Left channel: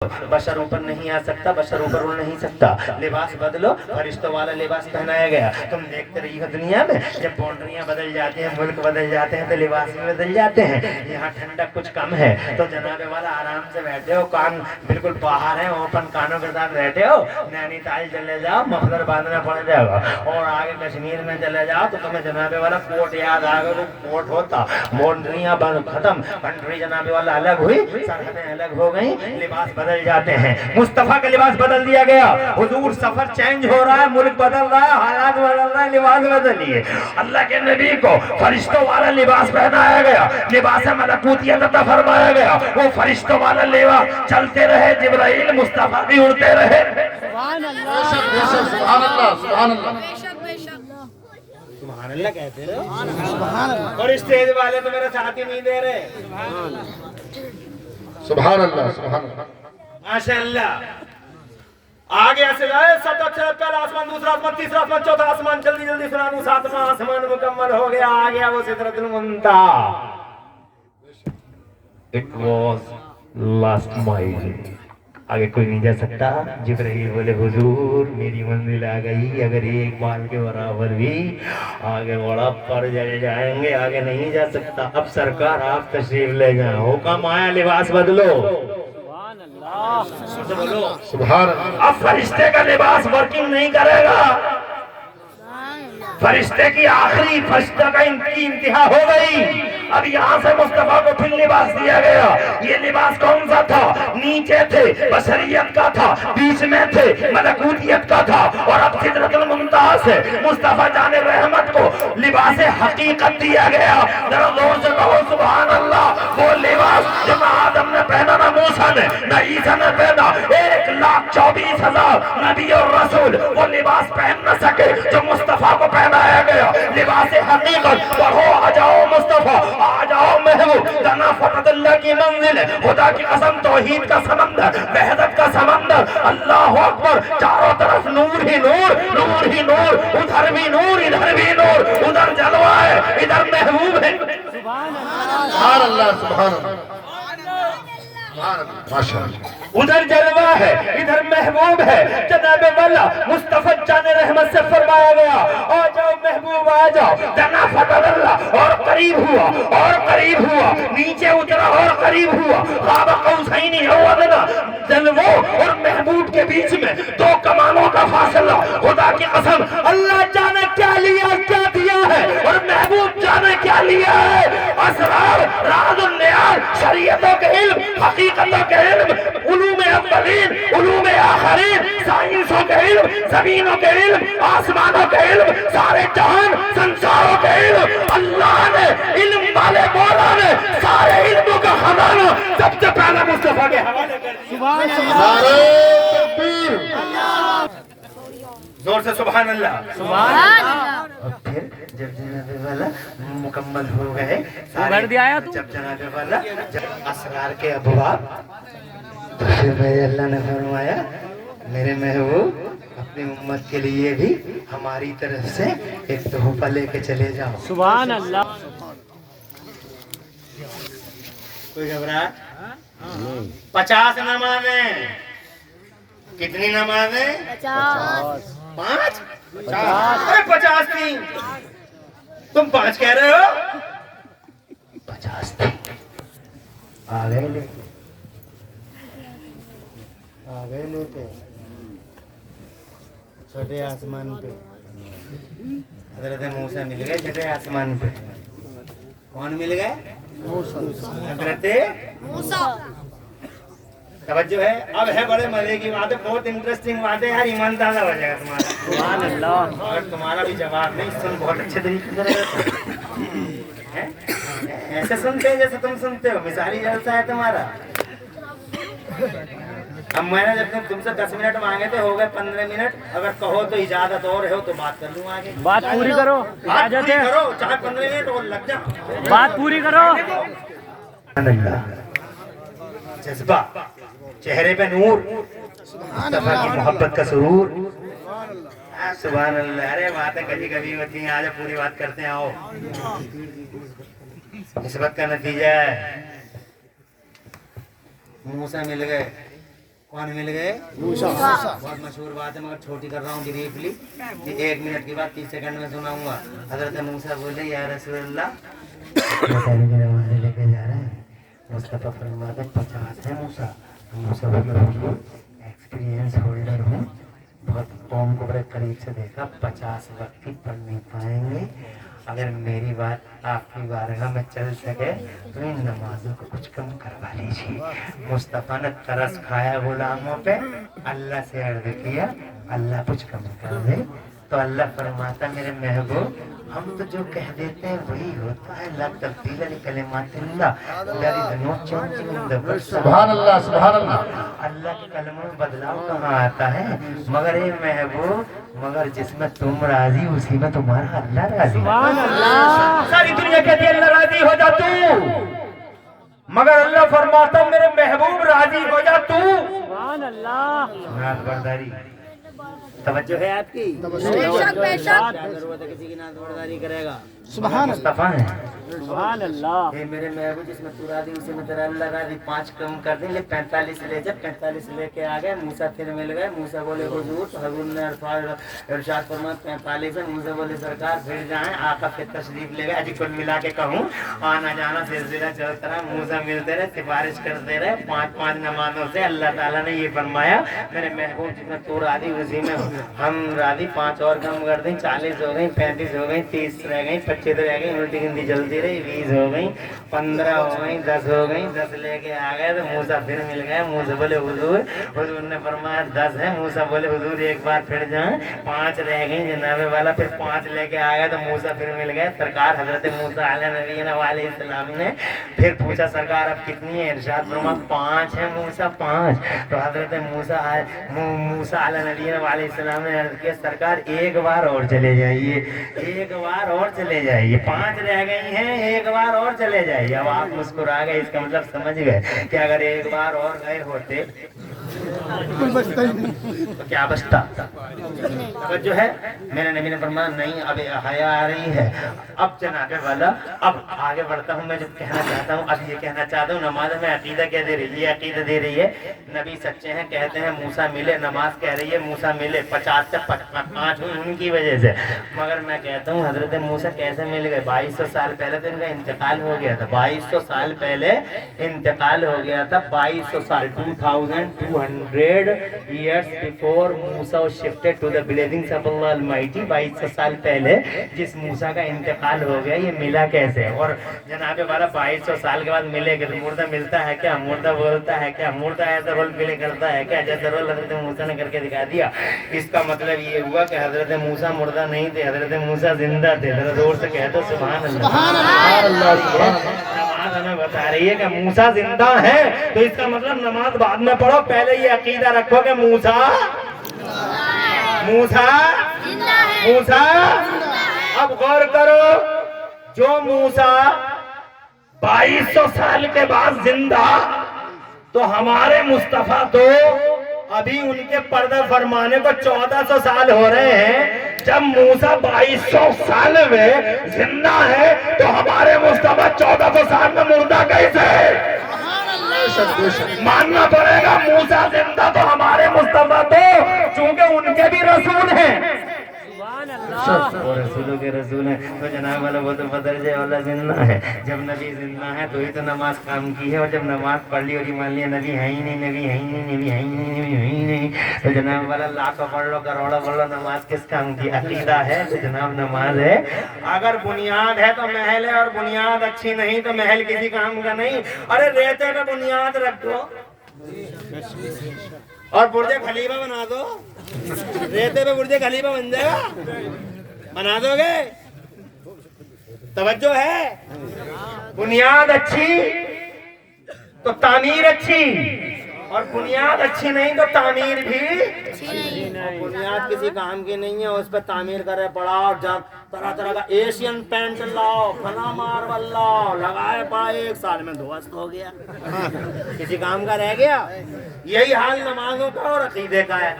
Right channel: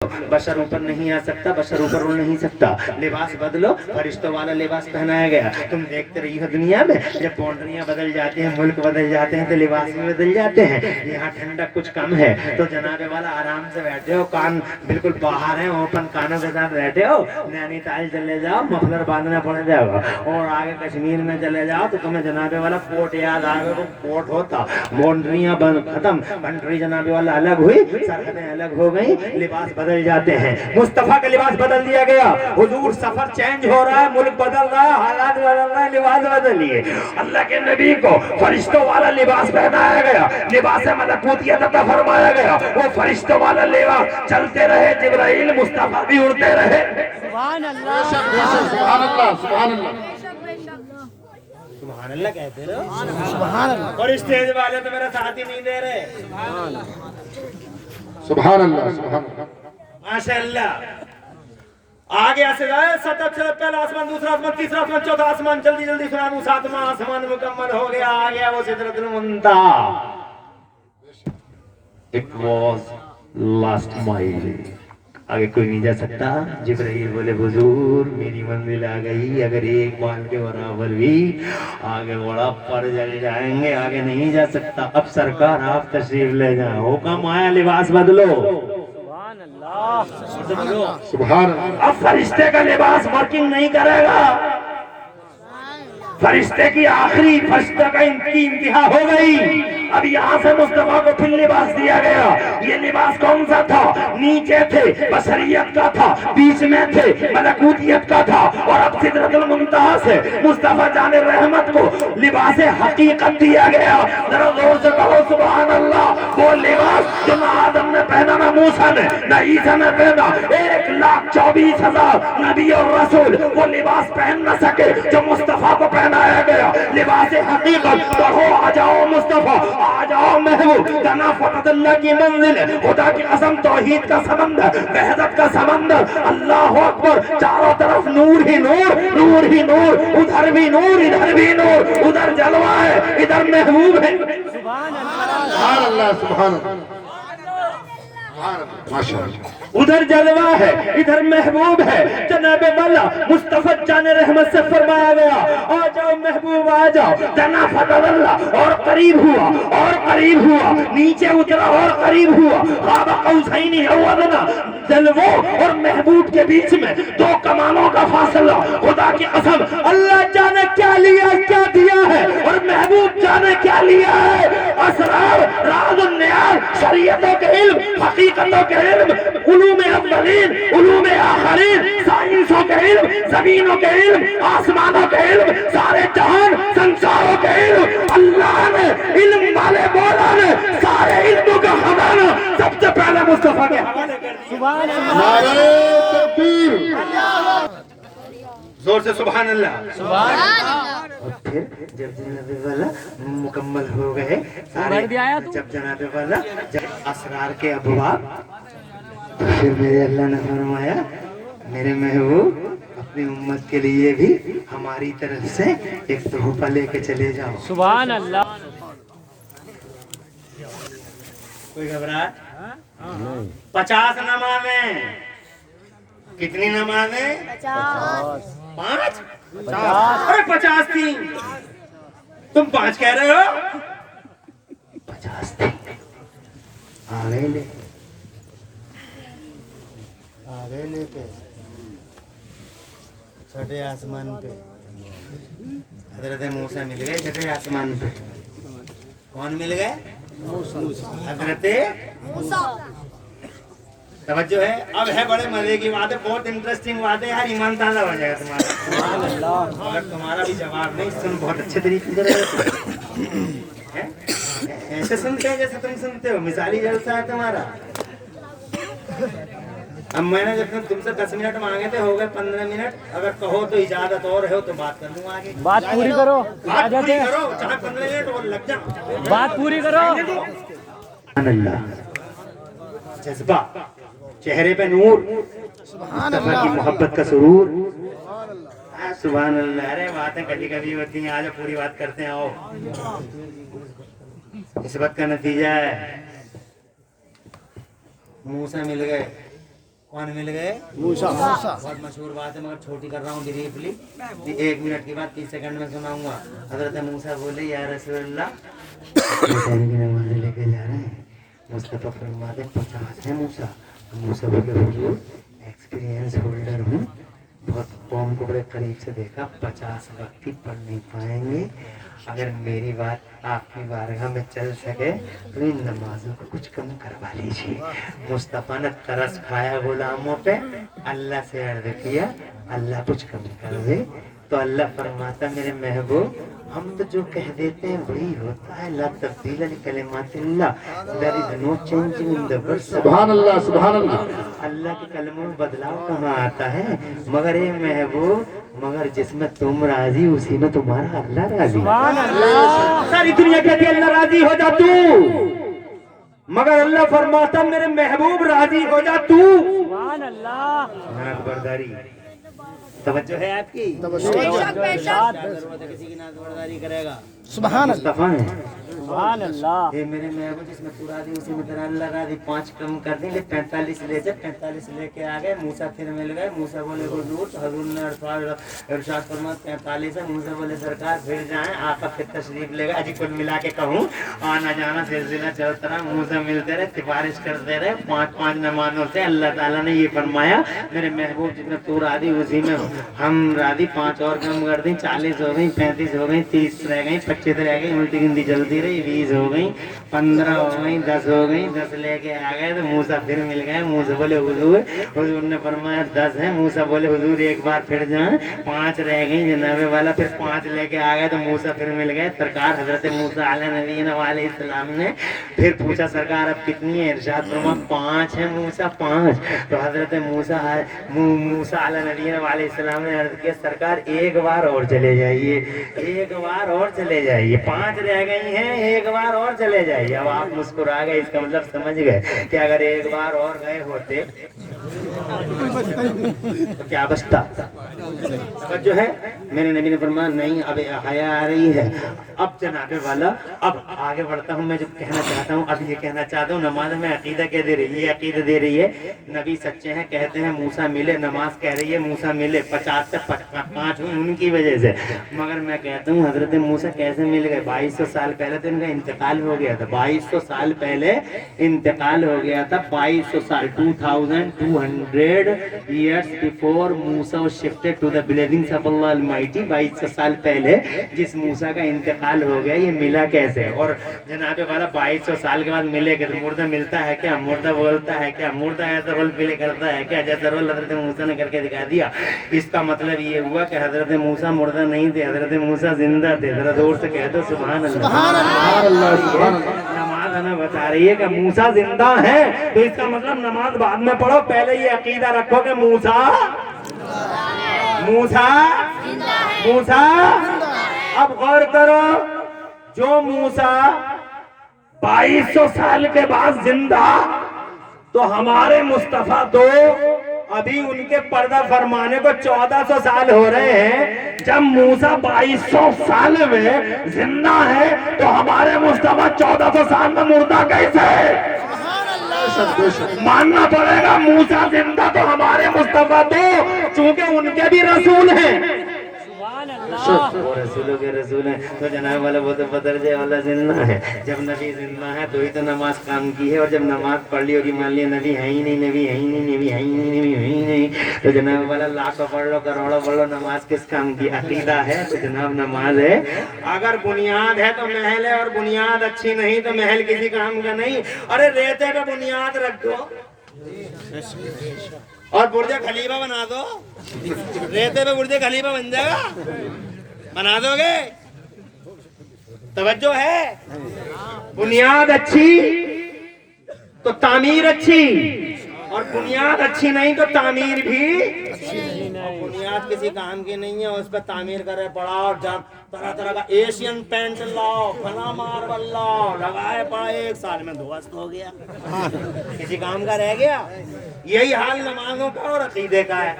बशर ऊपर नहीं आ सकता, बशर ऊपर उड़ नहीं सकता। लिबास बदलो, फरिश्तों वाला लिबास पहनाया गया। तुम देखते रही हो दुनिया में जब बाउंड्रियां बदल जाती हैं, मुल्क बदल जाते हैं, तो लिबास भी बदल जाते हैं। यहाँ ठंडक कुछ कम है तो जनाबे वाला आराम से बैठे हो, कान बिल्कुल बाहर है, ओपन कानों के साथ बैठे हो। नैनीताल चले जाओ, मफलर बांधना पड़ जाएगा। और आगे कश्मीर में चले जाओ तो तुम्हें जनाबे वाला कोट याद आ गया। कोट होता, बाउंड्रियां खत्म, कंट्री जनाबे वाला अलग हुई, सरहदें अलग हो गई, लिबास बदल जाते हैं। मुस्तफा का लिबास बदल दिया गया। हुजूर सफर चेंज हो रहा है, मुल्क बदल रहा है, हालात बदल रहा है, लिबास बदलिए। अल्लाह के नबी को फरिश्तों वाला लिबास पहनाया गया, लिबास मलकूतियत अता फरमाया गया। वो फरिश्तों वाला लिबास चलते रहे, जिब्राइल मुस्तफा भी उड़ते रहे। सुभान अल्लाह, सुभान अल्लाह, सुभान अल्लाह, सुभान अल्लाह कहते रहो। और स्टेज वाले तो मेरा साथ ही नहीं दे रहे। सुभान अल्लाह, सुभान अल्लाह, माशाअल्लाह। आगे ऐसे जाए, पहला आसमान, दूसरा आसमान, तीसरा आसमान, चौथा आसमान, जल्दी जल्दी सुना दूं, सातवां आसमान मुकम्मल हो गया। आ गया वो सिदरतुल मुंतहा। It was last mile. आगे कोई नहीं जा सकता। जिब्राइल बोले हुजूर मेरी मंजिल आ गई, अगर एक माल के बराबर भी आगे बड़ा पर चले जाएंगे, आगे नहीं जा सकता। अब सरकार आप तशरीफ ले जाए, हुक्म आया लिबास बदलो। तो बोलो सुभान अल्लाह। अब फरिश्ते का लिबास वर्किंग नहीं करेगा। फरिश्ते की आखिरी फरिश्ता का इनकी इंतहा हो गई। अब यहाँ से मुस्तफा को फिर लिबास दिया गया। ये लिबास कौन सा था? नीचे थे बशरियत का था, बीच में थे मलकूतियत का था, और अब सिदरतुल मुंतहा से मुस्तफा जाने रहमत को लिबास हकीकत दिया गया। जरा जोर से कहो सुभान अल्लाह। वो लिबास जो ना आदम ने पहना, ना मूसा ने, ना ईसा ने पहना, 1,24,000 नबी और रसूल वो लिबास पहन न सके जो मुस्तफा को पहनाया गया। लिबास हकीकत। पढ़ो आ जाओ मुस्तफा, आ जाओ महबूब, तना फतल्लाह की मंजिल, खुदा की कसम तौहीद का समंदर, वहदत का समंदर, अल्लाह अकबर। चारों तरफ नूर ही नूर, नूर ही नूर, उधर भी नूर, इधर भी नूर, उधर जलवा है, इधर महबूब है। सुभान अल्लाह, सुभान अल्लाह, सुभान अल्लाह, माशाअल्लाह। उधर जलवा है, इधर महबूब है। जनाबे वाला मुस्तफा जाने रहमत से फरमाया गया, आ जाओ महबूब आ जाओ। जना फतल्लाह, और करीब हुआ, और करीब हुआ, नीचे उतरा और करीब हुआ। क़ाब क़ौसैनी अव अदना। जलवों और महबूब के बीच में 2 कमानों का फासला। खुदा की कसम अल्लाह जाने क्या लिया, क्या दिया है, और महबूब जाने क्या लिया है। असरार, राज़, नियाज़, शरीयतों के इल्म, हकीकतों के इल्म, उलूम अव्वलीन, उलूम आखिरीन, साइंसों के इल्म, ज़मीनों के इल्म, आसमानों के इल्म, सारे जहान संसारों के इल्म, अल्लाह ने इल्म वाले मौला ने सारे इल्मों का खजाना सबसे पहले मुस्तफा के हवाले कर दिया। सुभान अल्लाह, नारे तकबीर, जोर से सुभान अल्लाह। सुभान अल्लाह। और फिर जब जनाबे वाला मुकम्मल हो गए, भर दिया आया तू? जब जनाबे वाला जब असरार के अबवाब, तो फिर मेरे अल्लाह ने फरमाया मेरे महबूब अपनी उम्मत के लिए भी हमारी तरफ से एक तोहफा लेके चले जाओ। सुभान अल्लाह। कोई घबराहट? 50 नमाज़ें। कितनी नमाज़ें? 5? 50। अरे 50 थी, तुम 5 कह रहे हो? 50 थी। आ गए लेके, आ गए लेके छठे आसमान पे। हजरत मूसा मिल गए छठे आसमान पे। कौन मिल गए? हजरत मूसा। तवज्जो है। अब है बड़े मजे की बात है, बहुत इंटरेस्टिंग बात है यार, ईमान ताज़ा हो जाएगा तुम्हारा। सुभान अल्लाह। अगर तुम्हारा भी जवाब नहीं, सुन बहुत अच्छे तरीके से हैं? ऐसे सुनते हैं जैसे तुम सुनते हो, मिसाली जलसा है तुम्हारा। अब मैंने जब तुमसे 10 मिनट मांगे थे, हो गए 15 मिनट। अगर कहो तो इजाजत और है तो बात कर लूँ आगे। बात पूरी करो, बात इजाजत पूरी है। करो, चाहे 15 मिनट और लग जाओ। बात पूरी करो। अल्लाह, जज्बा, चेहरे पे नूर, मुस्तफा की मोहब्बत का सुरूर। सुभान अल्लाह। अरे बातें कभी कभी होती हैं, आज पूरी बात करते हैं। आओ, निस्बत का नतीजा है। मूसा मिल गए, कौन मिल गए? बहुत मशहूर बात है मगर छोटी कर रहा हूँ ब्रीफली कि 1 मिनट की बात 30 सेकंड में सुनाऊंगा। हजरत मूसा बोले या रसूलल्लाह नमाज लेके जा रहे हैं। मुस्तफा फरमाते 50 है मूसा। मूसा बोले हुजूर एक्सपीरियंस होल्डर हूँ, बहुत कौम को बड़े करीब से देखा, 50 वक्त पढ़ नहीं पाएंगे। अगर मेरी बात आपकी बारगाह में चल सके तो इन नमाजों को कुछ कम करवा लीजिए। मुस्तफ़ा ने तरस खाया गुलामों पे, अल्लाह से अर्ज किया अल्लाह कुछ कम कर दे। तो अल्लाह फरमाता मेरे महबूब हम तो जो कह देते हैं वही होता है। ला तब्दील लिकलिमातिल्लाह, there is no changing in the words. सुभान अल्लाह, सुभान अल्लाह। अल्लाह के कलमों में बदलाव कहाँ आता है? मगर ये महबूब, मगर जिसमें तुम राजी उसी में तुम्हारा अल्लाह राजी। सुभान अल्लाह। सारी दुनिया कहती है अल्लाह राजी हो जा तू, मगर अल्लाह फरमाता मेरे महबूब राजी हो जा तू। सुभान अल्लाह। नाथ बरदारी तवज्जो है आपकी? बेशक। क्या जरूरत है किसी की नाथ बरदारी करेगा? सुभान मुस्तफा है। सुभान अल्लाह। ये मेरे महबूब जिसमें तू राजी उसी में तेरा अल्लाह राजी। 5 कम कर देंगे 45 ले जा। 45 लेके आ गए। मूसा फिर मिल गए। मूसा बोले हुजूर, हजूर ने इरशाद फरमाया 45 है। मूसा बोले सरकार फिर जाएं। आका फिर तशरीफ ले गए। अजी कुल मिला के कहूँ आना जाना सिलसिला चलता रहा। मूसा मिलते रहे, सिफारिश करते रहे 5-5 नमाजों से। अल्लाह ताला ने ये फरमाया मेरे महबूब जिसमें तू राजी उसी में हम राजी। 5 और कम कर दें, 40 हो गई, 35 हो गई, 30 रह गई, 25 रह गई, उल्टी गिनती चलती रही, 20 हो गई, 15 हो गई, 10 हो गई। 10 लेके आ गए तो मूसा फिर मिल गए। मूसा बोले हुजूर, हुजूर ने फरमाया 10 है। मूसा बोले हुजूर एक बार फिर जाएं। 5 रह गई जनाबे वाला। फिर 5 लेके आ गए तो मूसा फिर मिल गए। सरकार हजरत मूसा अलैहिस्सलाम ने फिर पूछा सरकार अब कितनी है? इरशाद फरमाया 5 है मूसा, 5। तो हजरत मूसा अलैहिस्सलाम ने अर्ज किया सरकार एक बार और चले जाइए, एक बार और चले जाइए। 5 रह गई हैं, एक बार और चले जाइए। अब आप मुस्कुरा गए, इसका मतलब समझ गए कि अगर एक बार और गए होते तो क्या बचता? जो है मेरे नबी ने फरमाया नहीं अब हया आ रही है। अब जनाबे वाला अब आगे बढ़ता हूँ। मैं जो कहना चाहता हूँ अब ये कहना चाहता हूँ नमाज में अकीदा क्या दे रही है? ये अकीदा दे रही है नबी सच्चे हैं, कहते हैं मूसा मिले। नमाज कह रही है मूसा मिले। 50 से 5 हुई उनकी वजह से। मगर मैं कहता हूँ हजरत मूसा कैसे मिल गए? 2200 साल पहले तो इनका इंतकाल हो गया था। 2200 साल पहले इंतकाल हो गया था। 2200 साल 2200 years before Musa was shifted to the blessings of Allah Almighty। 2200 साल पहले जिस मूसा का इंतकाल हो गया ये मिला कैसे? और जनाबे वाला 2200 साल के बाद मिलेगा तो मुर्दा मिलता है क्या? मुर्दा बोलता है क्या? मुर्दा ऐसा रोल प्ले करता है क्या? जैसा रोल हजरत मूसा ने करके दिखा दिया। इसका मतलब ये हुआ कि हजरत मूसा मुर्दा नहीं थे, हजरत मूसा जिंदा थे। जरा जोर से कह दो सुभान अल्लाह। नमाज हमें बता रही है कि मूसा जिंदा है, तो इसका मतलब नमाज बाद में पढ़ो, पहले ये अकीदा रखो कि मूसा मूसा मूसा। अब गौर करो, जो मूसा 2200 साल के बाद जिंदा, तो हमारे मुस्तफा तो अभी उनके पर्दा फरमाने को 1400 साल हो रहे हैं। जब मूसा 2200 साल में जिंदा है तो हमारे मुस्तफा 1400 साल में मुर्दा कैसे है? मानना पड़ेगा मूसा जिंदा तो हमारे मुस्तफा तो, चूंकि उनके भी रसूल हैं। वो रसूलों के रसूल हैं। तो जनाब वाला बोलते बदल जाए वाला जिंदा है। जब नबी जिंदा है तो ही तो नमाज काम की है। और जब नमाज पढ़ ली होगी मान लिया नबी है ही नहीं, नबी है ही नहीं, नबी है ही नहीं, नबी है ही नहीं, तो जनाब वाला लाखों पढ़ लो, करोड़ों पढ़ लो, नमाज किस काम की? अकीदा है तो जनाब नमाज है। अगर बुनियाद है तो महल है, और बुनियाद अच्छी नहीं तो महल किसी काम का नहीं। अरे रेते पे बुनियाद रख दो और बुर्ज खलीफा बना दो। रेते पे बुर्ज खलीफा बन जाएगा, बना दोगे? तवज्जो है? बुनियाद अच्छी तो तामीर अच्छी, और बुनियाद अच्छी नहीं तो तामीर भी। बुनियाद किसी काम की नहीं है, उस पर तामीर करे पड़ा और तरह तरह का एशियन पेंट लाओ, फला मार्बल लाओ, लगाए पड़ा, 1 साल में ध्वस्त हो गया, किसी काम का रह गया? यही हाल नमाजों का और अकीदे का है।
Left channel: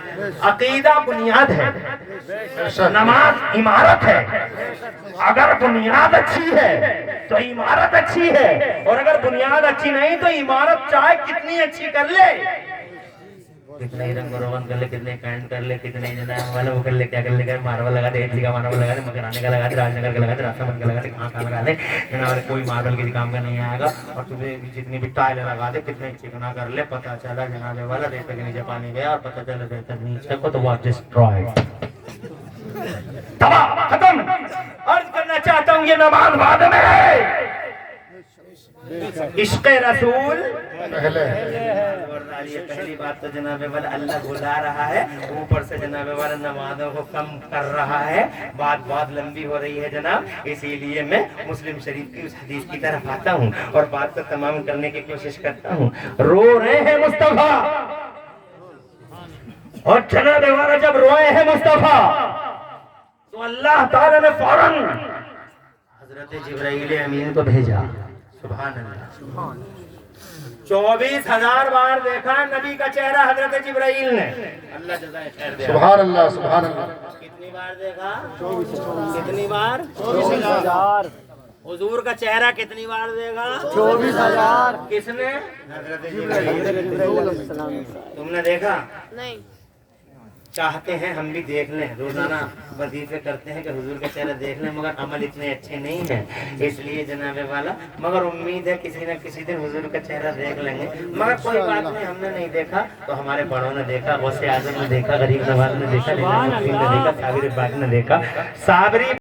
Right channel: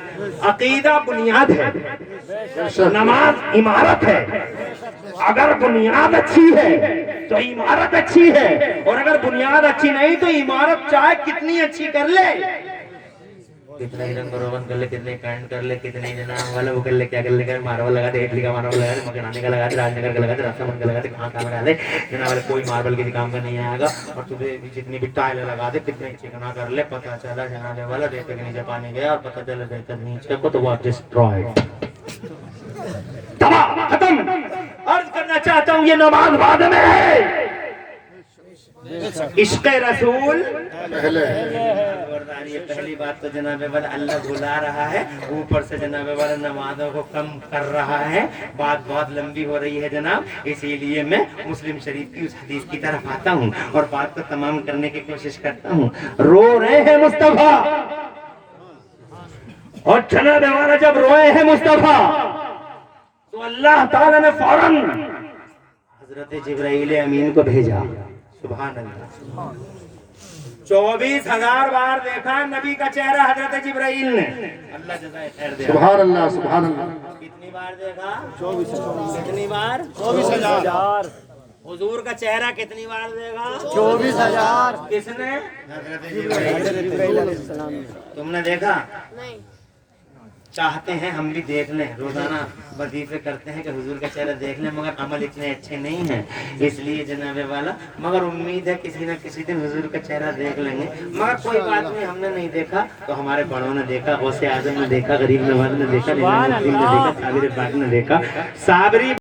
अकीदा बुनियाद है, नमाज इमारत है। अगर बुनियाद अच्छी है तो इमारत अच्छी है, और अगर बुनियाद अच्छी नहीं तो इमारत चाहे कितनी अच्छी कर ले कितने ही रंग रोगन कर ले, कितने कांड कर ले, कितने जनाब वाला वो कर ले, क्या कर ले, कर मार्बल लगा दे, इटली का मार्बल लगा दे, मकराने का लगा दे, राजनगर का लगा दे, राष्ट्रमन का लगा दे, कहाँ लगा दे, जनाब वाले कोई मार्बल के काम का नहीं आएगा। और तुम्हें जितनी भी टाइल लगा दे, कितने चिकना कर ले, पता चला जनाब वाला रेत के नीचे पानी गया और पता चला रेत के नीचे को तो वो डिस्ट्रॉयड, तबाह खत्म। अर्ज करना चाहता हूँ ये नमाज बाद में है, इश्क़ रसूल पहले खबरदार। ये पहली बात तो जनाब वाला अल्लाह बुला रहा है, ऊपर से जनाब वाला नमाजों को कम कर रहा है। बात बहुत लंबी हो रही है जनाब, इसीलिए मैं मुस्लिम शरीफ की उस हदीस की तरफ आता हूँ और बात को तमाम करने की कोशिश करता हूँ। रो रहे हैं मुस्तफा, और जनाब वाला जब रोए हैं मुस्तफा तो अल्लाह ताला ने फौरन हजरत जिब्राइल अमीन को भेजा। सुभान अल्लाह। 24,000 बार देखा नबी का चेहरा हजरत जिब्राइल ने, अल्लाह जज़ाए खैर दे। सुभान अल्लाह, सुभान अल्लाह। कितनी बार देखा? कितनी बार? 24,000। हुजूर का चेहरा कितनी बार देखा? 24,000। किसने? हजरत जिब्राइल। तुमने देखा? नहीं। चाहते हैं हम भी देख लें, रोजाना वजीफे करते हैं कि हुजूर का चेहरा देख लें, मगर अमल इतने अच्छे नहीं हैं, इसलिए जनाबे वाला, मगर उम्मीद है किसी न किसी दिन हुजूर का चेहरा देख लेंगे। मगर कोई बात नहीं, हमने नहीं देखा तो हमारे बड़ों ने देखा, गौसे आजम ने देखा, गरीब नवाज ने देखा, साबिरी